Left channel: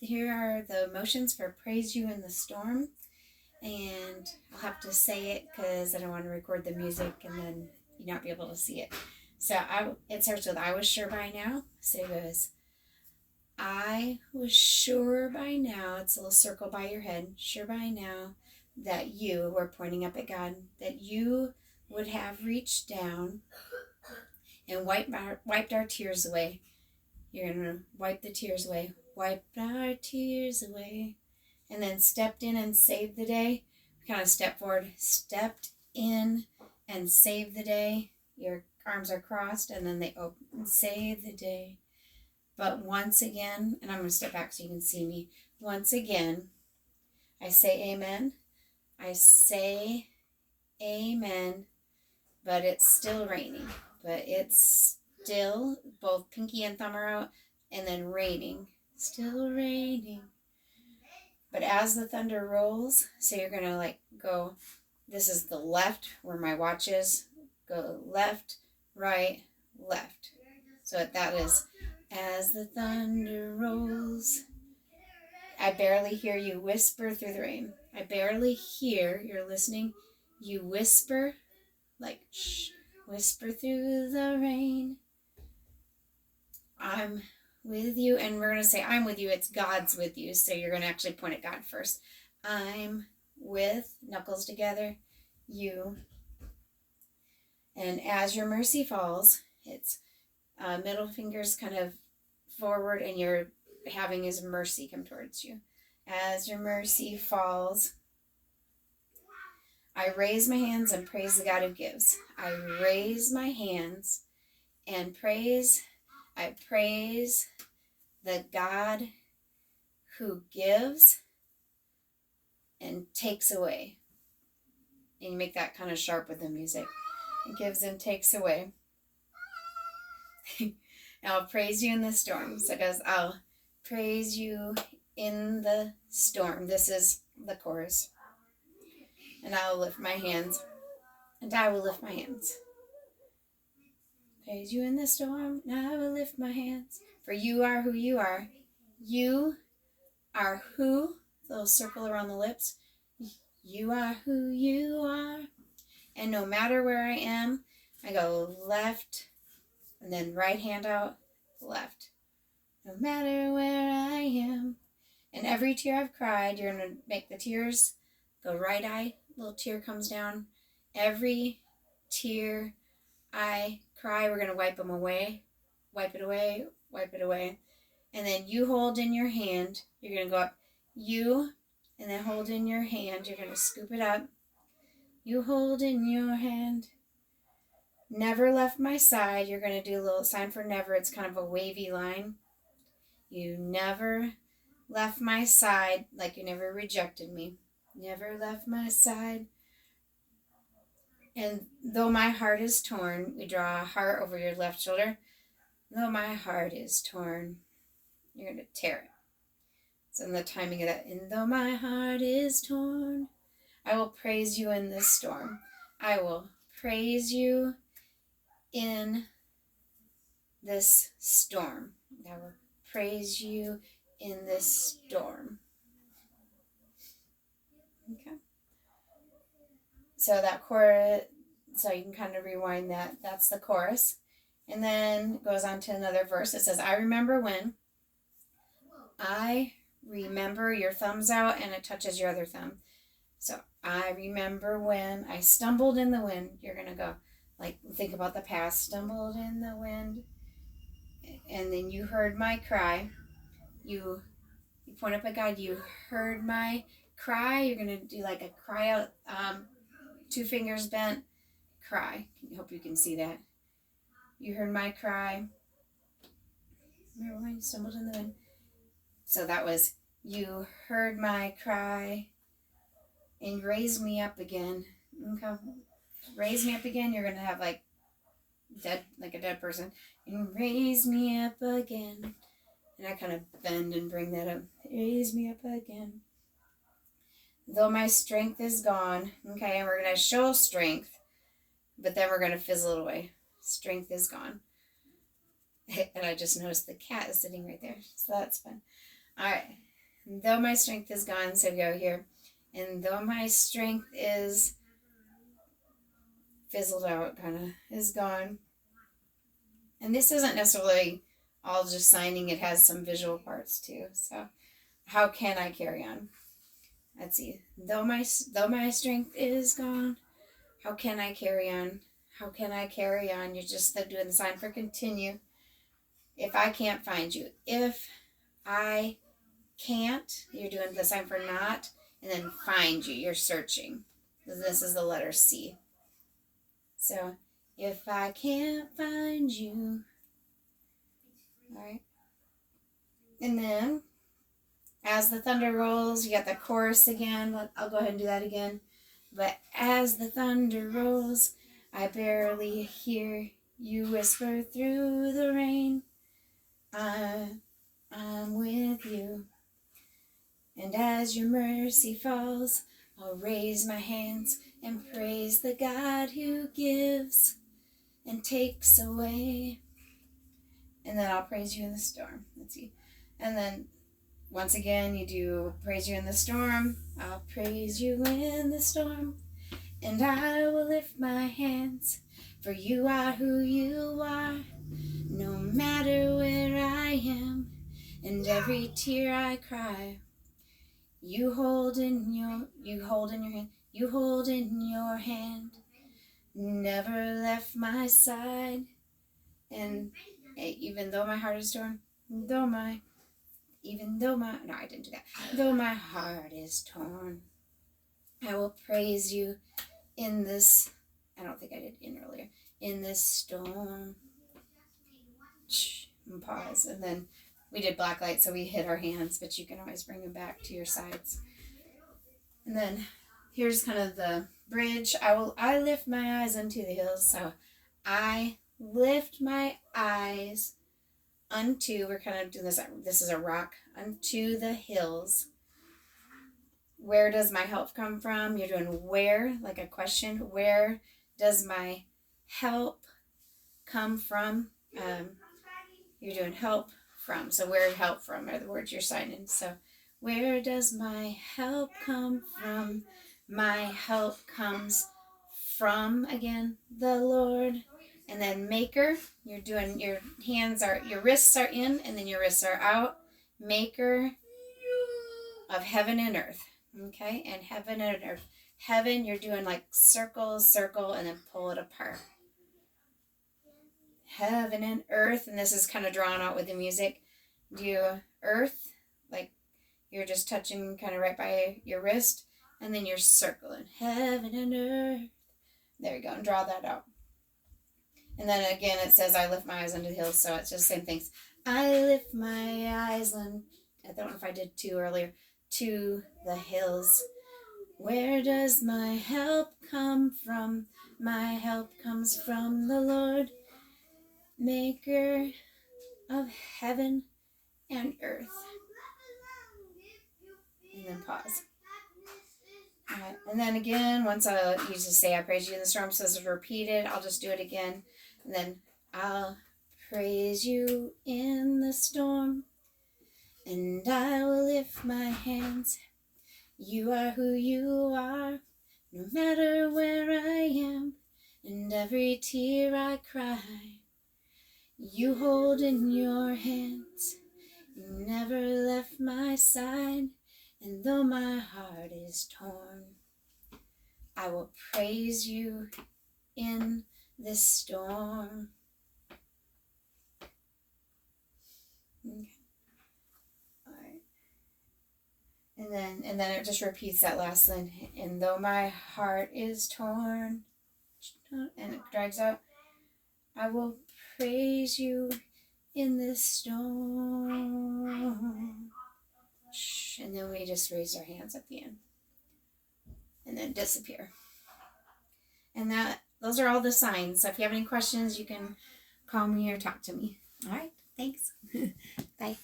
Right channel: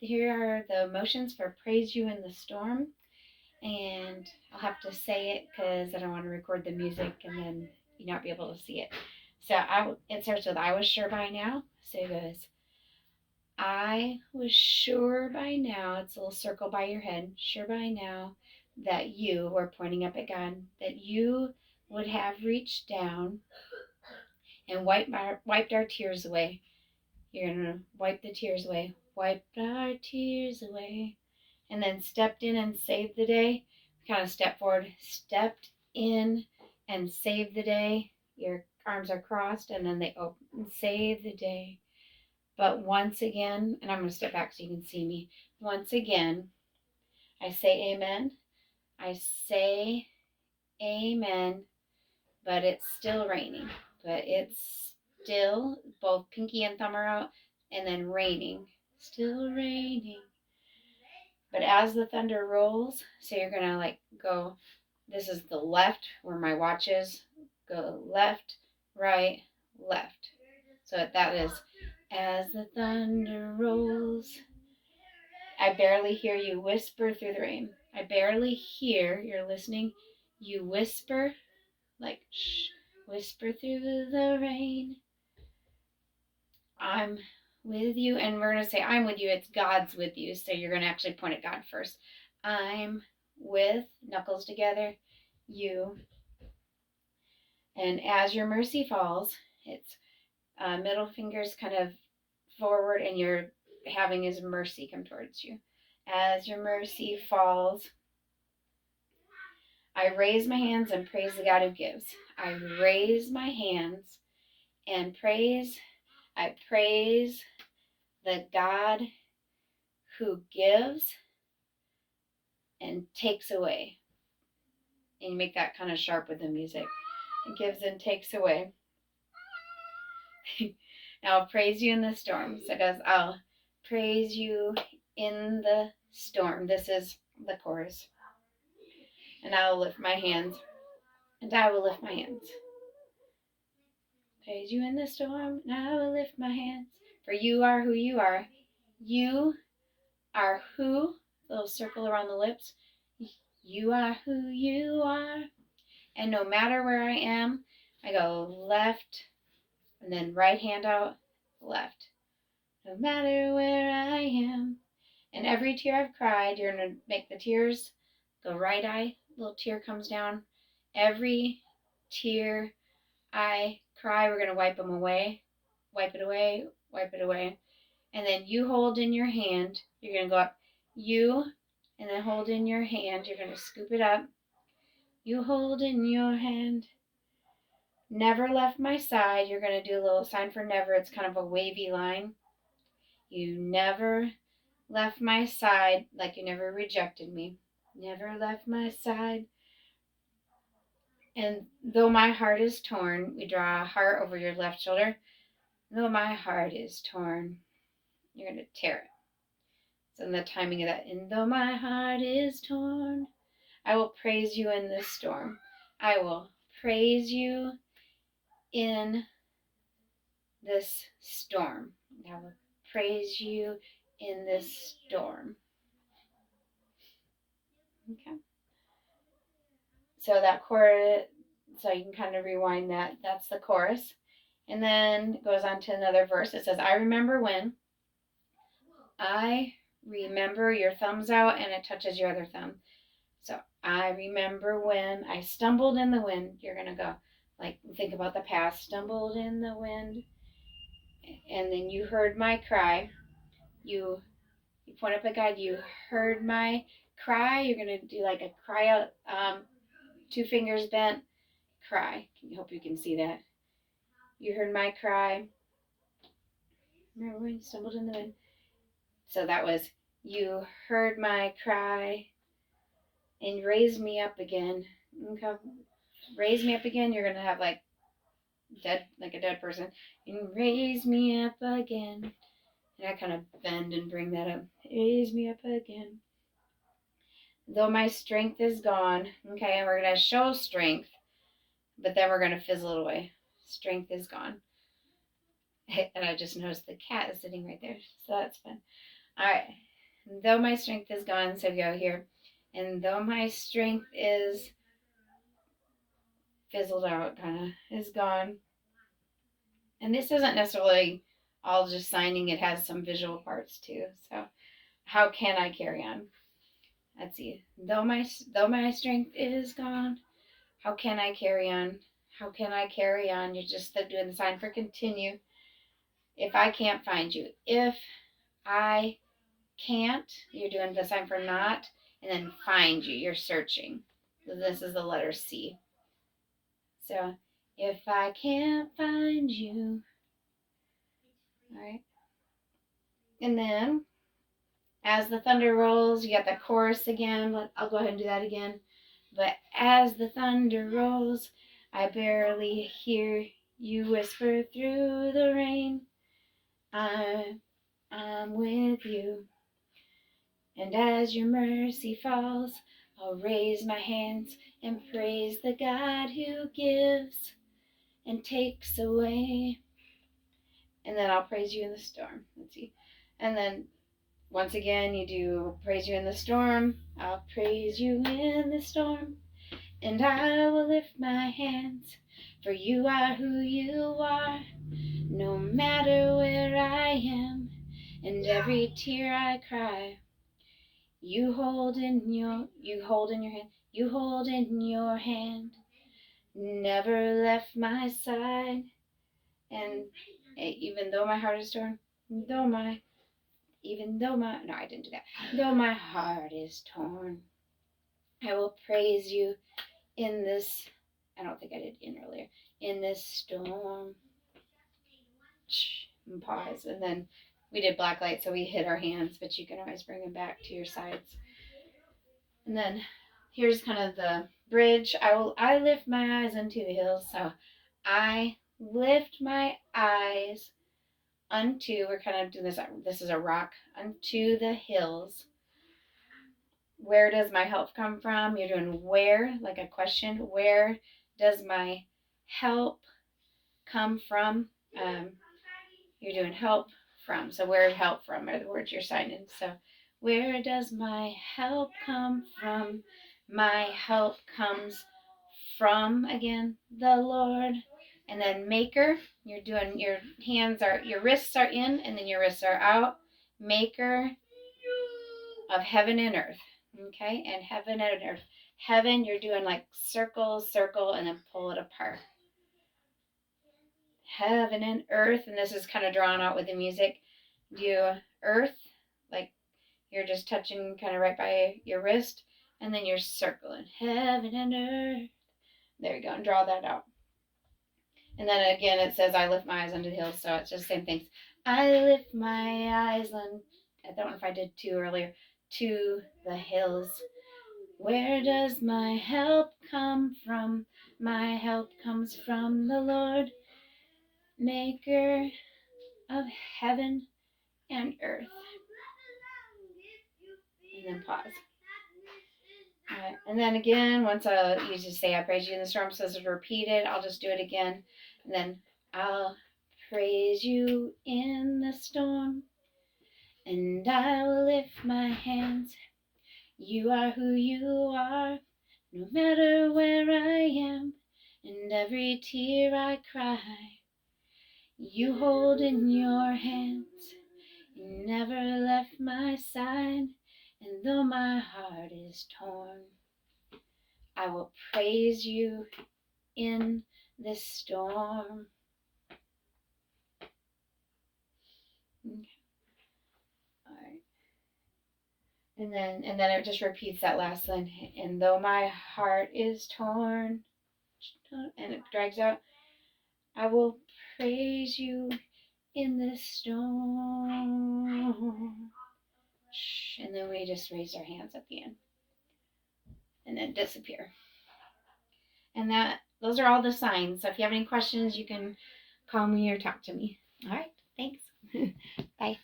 here are the motions for Praise You in the Storm. And I'll have to say it because I don't want to record the music and then you not be able to see it. So it starts with I was sure by now. So it goes, I was sure by now, it's a little circle by your head, sure by now that you, we're pointing up at God, that you would have reached down and wiped our tears away. You're going to wipe the tears away. Wiped our tears away. And then stepped in and saved the day. Kind of step forward, stepped in and saved the day. Your arms are crossed and then they open, save the day. But once again, and I'm going to step back so you can see me. Once again, I say amen. I say amen, but it's still raining. But it's still, both pinky and thumb are out, and then raining. Still raining. But as the thunder rolls, so you're going to like go, this is the left where my watch is. Go left, right, left. So that is, as the thunder rolls. I barely hear you whisper through the rain. I barely hear, you're listening, you whisper, like shh, whisper through the rain. I'm with you, and we're going to say I'm with you. It's God's with you, so you're going to actually point at God first. I'm with, knuckles together, you. And as your mercy falls, it's middle fingers kind of forward, and you're having His mercy come towards you. As your mercy falls, I raise my hands and praise the God who gives. I raise my hands and praise. I praise the God who gives and takes away. And you make that kind of sharp with the music. It gives and takes away. I'll praise you in the storm. So it goes, I'll praise you in the storm. This is the chorus. And I will lift my hands. And I will lift my hands. Praise you in the storm. And I will lift my hands. For you are who you are. You are who, little circle around the lips. You are who you are. And no matter where I am, I go left and then right hand out, left. No matter where I am. And every tear I've cried, you're going to make the tears go right eye. Little tear comes down. Every tear I cry, we're going to wipe them away. Wipe it away, wipe it away. And then you hold in your hand. You're going to go up. You, and then hold in your hand. You're going to scoop it up. You hold in your hand. Never left my side. You're going to do a little sign for never. It's kind of a wavy line. You never left my side, like you never rejected me. Never left my side. And though my heart is torn, we draw a heart over your left shoulder. Though my heart is torn, you're going to tear it. So in the timing of that, and though my heart is torn, I will praise you in this storm. I will praise you in this storm. I will praise you in this storm. Okay. So that chorus, so you can kind of rewind that. That's the chorus. And then it goes on to another verse. It says, I remember when. I remember, your thumb's out and it touches your other thumb. So I remember when I stumbled in the wind. You're going to go, like, think about the past. Stumbled in the wind. And then you heard my cry. You point up at God. You heard my cry. You're going to do like a cry out, 2 fingers bent, cry. I hope you can see that. You heard my cry. Remember when you stumbled in the wind? So that was, you heard my cry and raised me up again. Okay. Raise me up again. You're going to have like dead, like a dead person. And raise me up again. And I kind of bend and bring that up. Raise me up again. Though my strength is gone. Okay, and we're going to show strength, but then we're going to fizzle it away. Strength is gone. And I just noticed the cat is sitting right there, so that's fun. All right. Though my strength is gone, so go here. And though my strength is fizzled out, kind of, is gone. And this isn't necessarily all just signing, it has some visual parts too. So, how can I carry on? Let's see. Though my strength is gone, how can I carry on? How can I carry on? You're just doing the sign for continue. If I can't find you. If I can't, you're doing the sign for not, and then find you. You're searching. This is the letter C. So, if I can't find you. All right. And then, as the thunder rolls, you got the chorus again. I'll go ahead and do that again. But as the thunder rolls, I barely hear you whisper through the rain. I'm with you. And as your mercy falls, I'll raise my hands and praise the God who gives and takes away. And then I'll praise you in the storm. Let's see. And then once again, you do praise you in the storm. I'll praise you in the storm. And I will lift my hands, for you are who you are. No matter where I am, and every tear I cry, you hold in your hand, never left my side. And even though my heart is torn, though my heart is torn, I will praise you in this. I don't think I did in earlier. In this storm. And pause. And then we did blacklight, so we hit our hands, but you can always bring them back to your sides. And then here's kind of the bridge. I lift my eyes unto the hills. So I lift my eyes unto, we're kind of doing this is a rock, unto the hills. Where does my help come from? You're doing where, like a question. Where does my help come from? You're doing help from. So where help from are the words you're signing. So where does my help come from? My help comes from, again, the Lord. And then maker, you're doing, your wrists are in, and then your wrists are out. Maker of heaven and earth. Okay, and heaven and earth. Heaven, you're doing like circle, and then pull it apart. Heaven and earth, and this is kind of drawn out with the music. Do earth, like you're just touching kind of right by your wrist, and then you're circling. Heaven and earth. There you go, and draw that out. And then again, it says, I lift my eyes unto the hills, so it's just the same things. I lift my eyes on, I don't know if I did two earlier, to the hills. Where does my help come from? My help comes from the Lord, maker of heaven and earth. And then pause. All right. And then again, once you just say, I praise you in the storm, so it's repeated, I'll just do it again. And then I'll praise you in the storm, and I will lift my hands. You are who you are, no matter where I am, and every tear I cry, you hold in your hands. You never left my side, and though my heart is torn, I will praise you in this storm. Okay. All right. And then it just repeats that last line. And though my heart is torn, and it drags out, I will praise you in this storm. And then we just raise our hands at the end. And then disappear. And those are all the signs. So if you have any questions, you can call me or talk to me. All right. Thanks. Bye.